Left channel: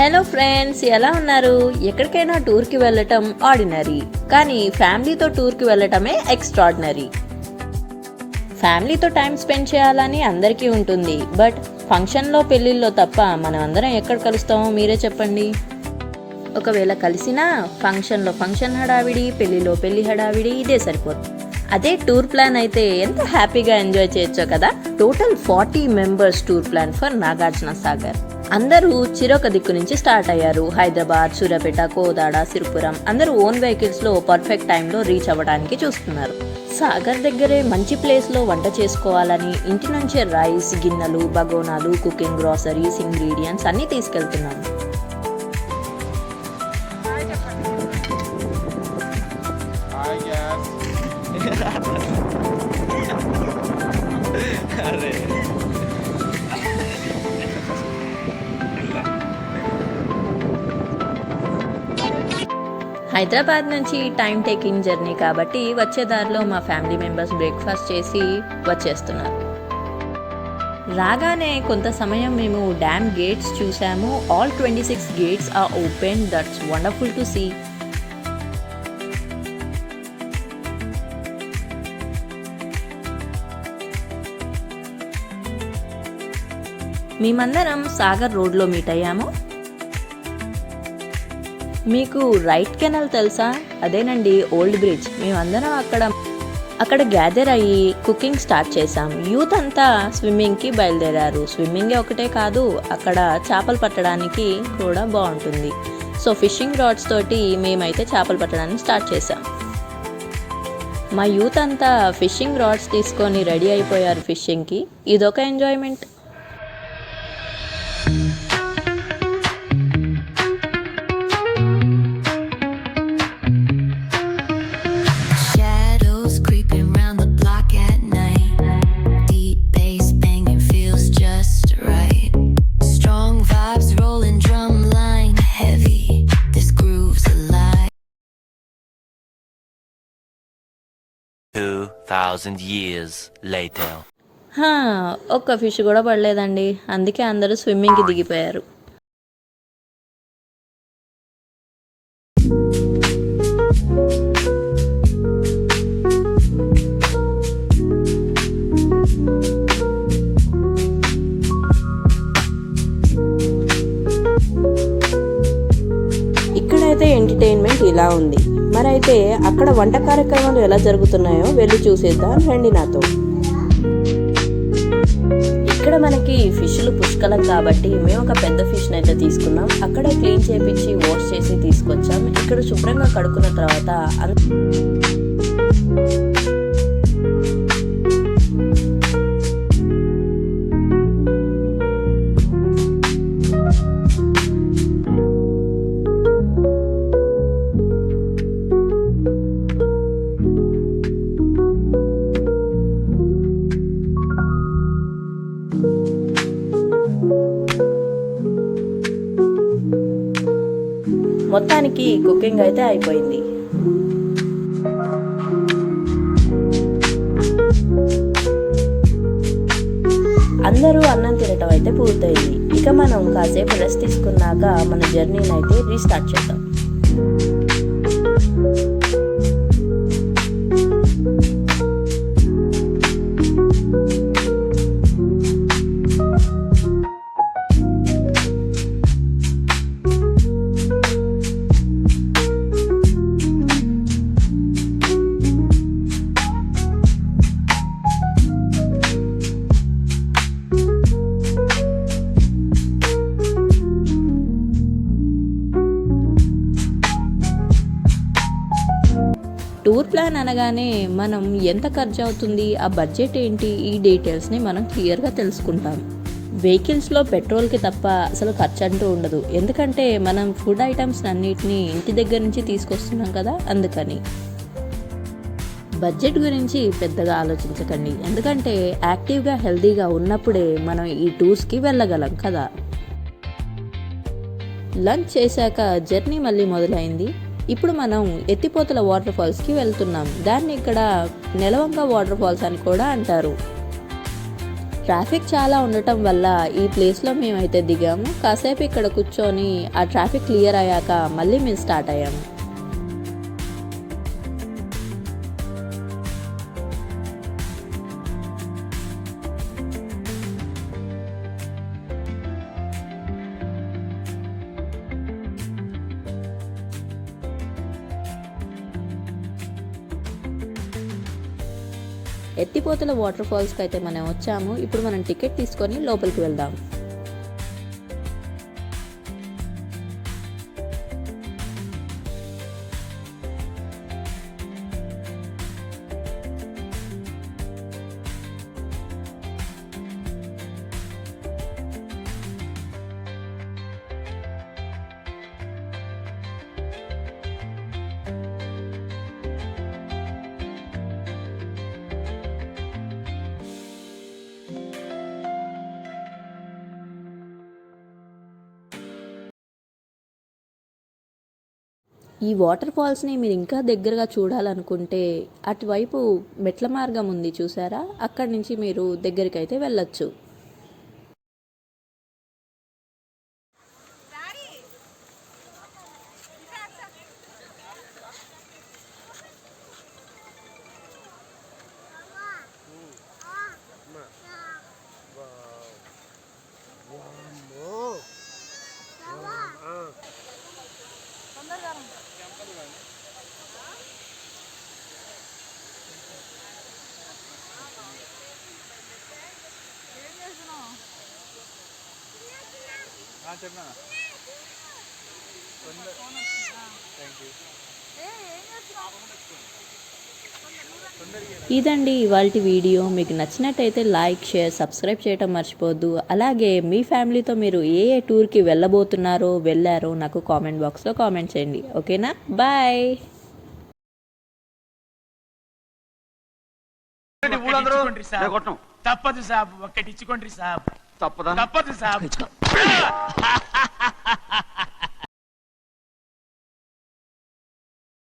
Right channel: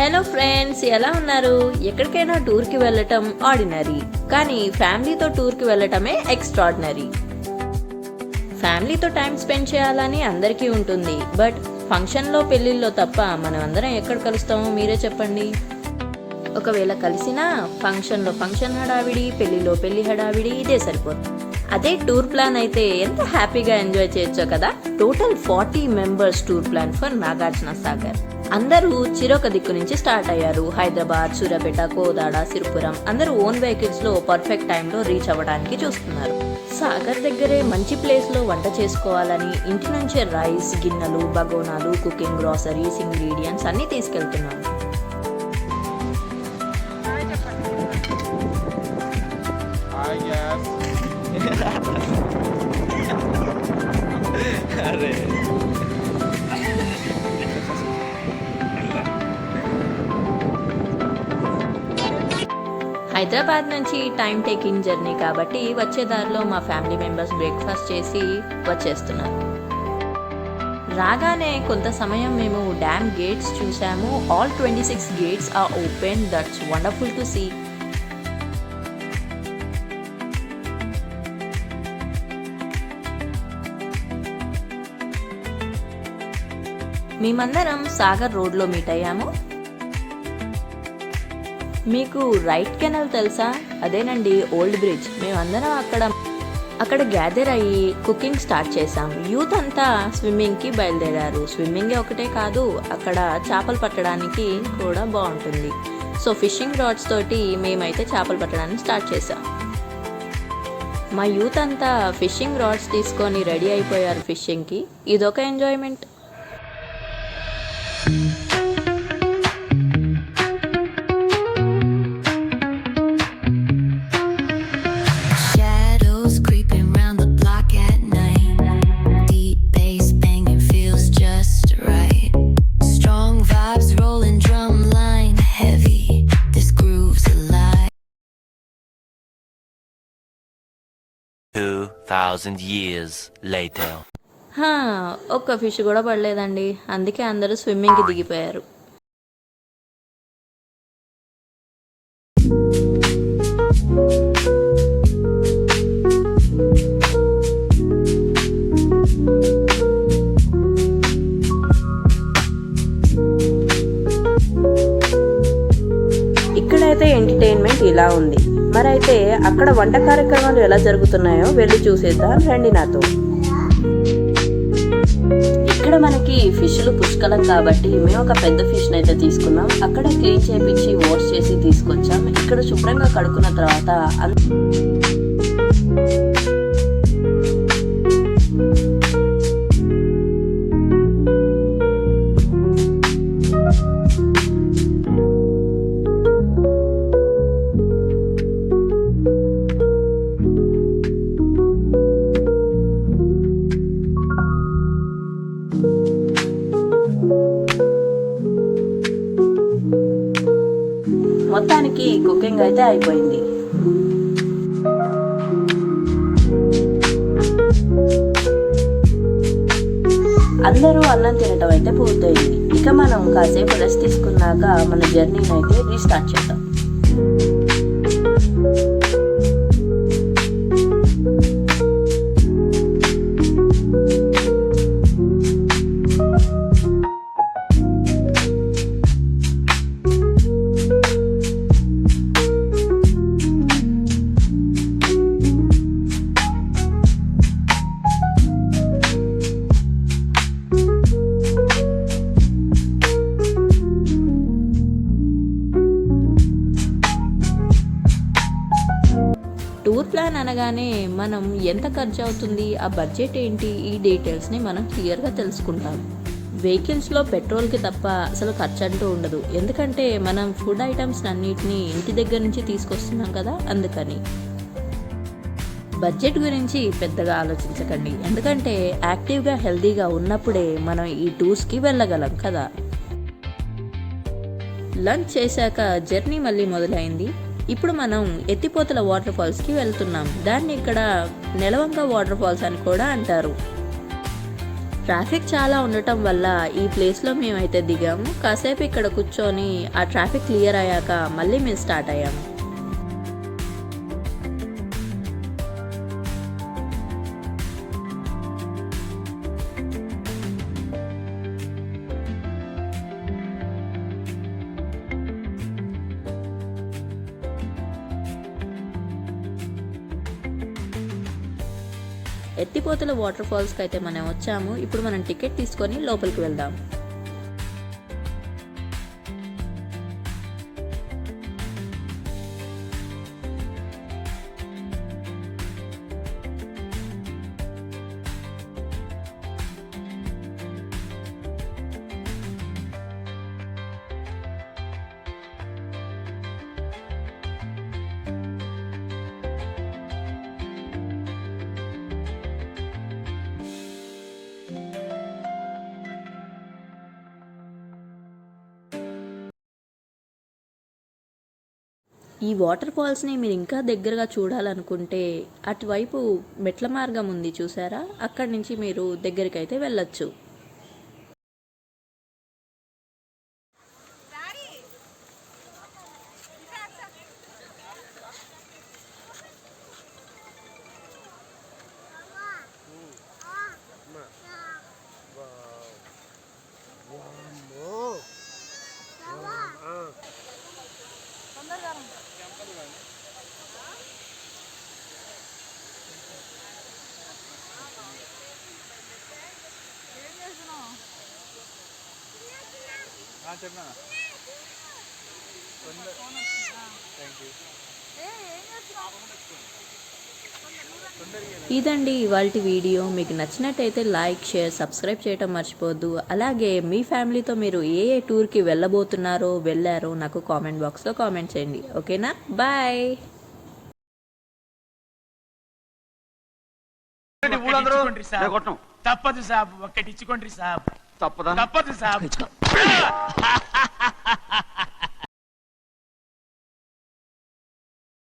Hello friends, ఎలా ఉన్నారు? ఎక్కడికైనా టూర్కి వెళ్ళటం ఆర్డినరీ, కానీ ఫ్యామిలీతో టూర్కి వెళ్ళటమే ఎక్స్ట్రాడినరీ. ఫ్యామిలీతో టైం స్పెండ్ చేయాలని అందరికీ ఉంటుంది, బట్ ఫంక్షన్లో పెళ్ళిళ్ళలో తప్ప మనం అందరం ఎక్కడ కలుస్తామో మీరే చెప్పండి. ఒకవేళ కలిసినా ఫంక్షన్లో ఫంక్షన్ హడావిడి, పెళ్లిలో పెళ్లి హడావిడి, ఇదే సరిపోతుంది. అదే టూర్ ప్లాన్ అయితే ఎంత హ్యాపీగా ఎంజాయ్ చేయొచ్చో కదా. Total 40 members tour plan for Nagarjuna Sagar. అందరూ చిరొక దిక్కు నుంచి స్టార్ట్ అయ్యారు. హైదరాబాద్, సూర్యాపేట, కోదాడ, సిరిపురం అందరూ ఓన్ వెహికల్స్ లో పర్ఫెక్ట్ టైంలో రీచ్ అవ్వడానికి చూస్తున్నారు. సాగర్ దగ్గరే మంచి ప్లేస్ లో వంట చేసుకోవాలని ఇంటి నుంచే రైస్, గిన్నెలు, బగోనాలు, కుకింగ్ గ్రాసరీస్, ఇంగ్రీడియంట్స్ అన్ని తీసుకెళ్తున్నాం. అరే హైదరాబాద్ నుంచి టైం టేకింగ్ జర్నీ కాబట్టి వచ్చే దారిలో మా ఫ్యామిలీ మెంబర్స్ బ్రేక్ఫాస్ట్ చేసి వచ్చేస్తున్నారు. రాగానే కొంత సమయం మేము డ్యామ్ గేట్స్ చూసాము. All 26 gates are open. That's wonderful to see. మేమందరం సాగర్ రోడ్ లో మీట్ అయ్యాము. మీకు రైట్ కెనాల్ తెలుసా? అదేనండి ఓల్డ్ బ్రిడ్జ్. మేమందరం అక్కడ గ్యాదర్ అయ్యి కుకింగ్ స్టార్ట్ చేసాం. యూత్ అంతా స్విమ్మింగ్ కి బయలుదేరారు. స్విమ్మింగ్ ఒకటే కాదు, అక్కడ చేపలు పట్టడానికి కూడా బాగుంటుంది. సో ఫిషింగ్ రాడ్స్ తోటి మేమైతే చేపలు పట్టడానికి స్టార్ట్ చేసాం. మా యూత్ అంతా ఫిషింగ్ రాడ్స్ తీసుకొని రెడీ అయిపోయారు ఫిషింగ్ కి. ఇదొక ఎంజాయ్మెంట్. years later. ఒక్క ఫిష్ కూడా పడలేదండి. అందుకే అందరూ స్విమ్మింగ్ కి దిగిపోయారు. ఇక్కడైతే ఎంటర్టైన్మెంట్ ఇలా ఉంది. మరైతే అక్కడ వంట కార్యక్రమాలు ఎలా జరుగుతున్నాయో వెళ్ళి చూసేద్దాం రండి నాతో. ఇక్కడ మనకి ఫిష్లు పుష్కలం కాబట్టి మేము ఒక పెద్ద ఫిష్ అయితే తీసుకున్నాం. అక్కడే క్లీన్ చేపించి వాష్ చేసి తీసుకొచ్చాం. ఇక్కడ శుభ్రంగా కడుక్కున్న తర్వాత మొత్తానికి కుకింగ్ అయితే అయిపోయింది. అందరూ అన్నం తినటం అయితే పూర్తయింది. ఇక మనం కాసేపు రెస్ట్ తీసుకున్నాక మన జర్నీని అయితే రీస్టార్ట్ చేద్దాం. మనం ఎంత ఖర్చు అవుతుంది, ఆ బడ్జెట్ ఏంటి, ఈ డీటెయిల్స్ని మనం క్లియర్గా తెలుసుకుంటాం. వెహికల్స్లో పెట్రోల్కి తప్ప అసలు ఖర్చు అంటూ ఉండదు. ఎందుకంటే మనం ఫుడ్ ఐటమ్స్ అన్నిటినీ ఇంటి దగ్గర నుంచి తీసుకొస్తున్నాం కదా, అందుకని. బడ్జెట్ గురించి పెద్దగా ఆలోచించకండి, ఎందుకంటే యాక్టివ్గా హెల్తీగా ఉన్నప్పుడే మనం ఈ టూర్స్కి వెళ్ళగలం కదా. లంచ్ చేశాక జర్నీ మళ్ళీ మొదలైంది. ఇప్పుడు మనం ఎత్తిపోతల వాటర్ ఫాల్స్ కి వెళ్తున్నాం. దాన్ని ఇక్కడ నెలవంక వాటర్ ఫాల్స్ అని కూడా అంటారు. ట్రాఫిక్ చాలా ఉండటం వల్ల ఈ ప్లేస్లో మేమైతే దిగాము. కాసేపు ఇక్కడ కూర్చొని ఆ ట్రాఫిక్ క్లియర్ అయ్యాక మళ్ళీ మేము స్టార్ట్ అయ్యాము. ఎత్తిపోతల వాటర్ ఫాల్స్కి అయితే మనం వచ్చాము. ఇప్పుడు మనం టికెట్ తీసుకొని లోపలికి వెళ్దాం. ఈ వాటర్ ఫాల్స్ని మీరు ఇంకా దగ్గరగా చూడాలనుకుంటే అటువైపు మెట్ల మార్గం ఉంది చూసారా, అక్కడి నుంచి మీరు దగ్గరికి అయితే వెళ్ళొచ్చు. ఇదండి ఇవాల్టి వీడియో. మీకు నచ్చినట్టయితే లైక్, షేర్, సబ్స్క్రైబ్ చేయటం మర్చిపోవద్దు. అలాగే మీ ఫ్యామిలీతో మీరు ఏ టూర్కి వెళ్ళారో నాకు కామెంట్ బాక్స్లో కామెంట్ చేయండి. ఓకేనా, బాయ్. తప్పదు సాబ్, ఒక్కటిచ్చుకోండి సాబ్. తప్పదు సాబ్.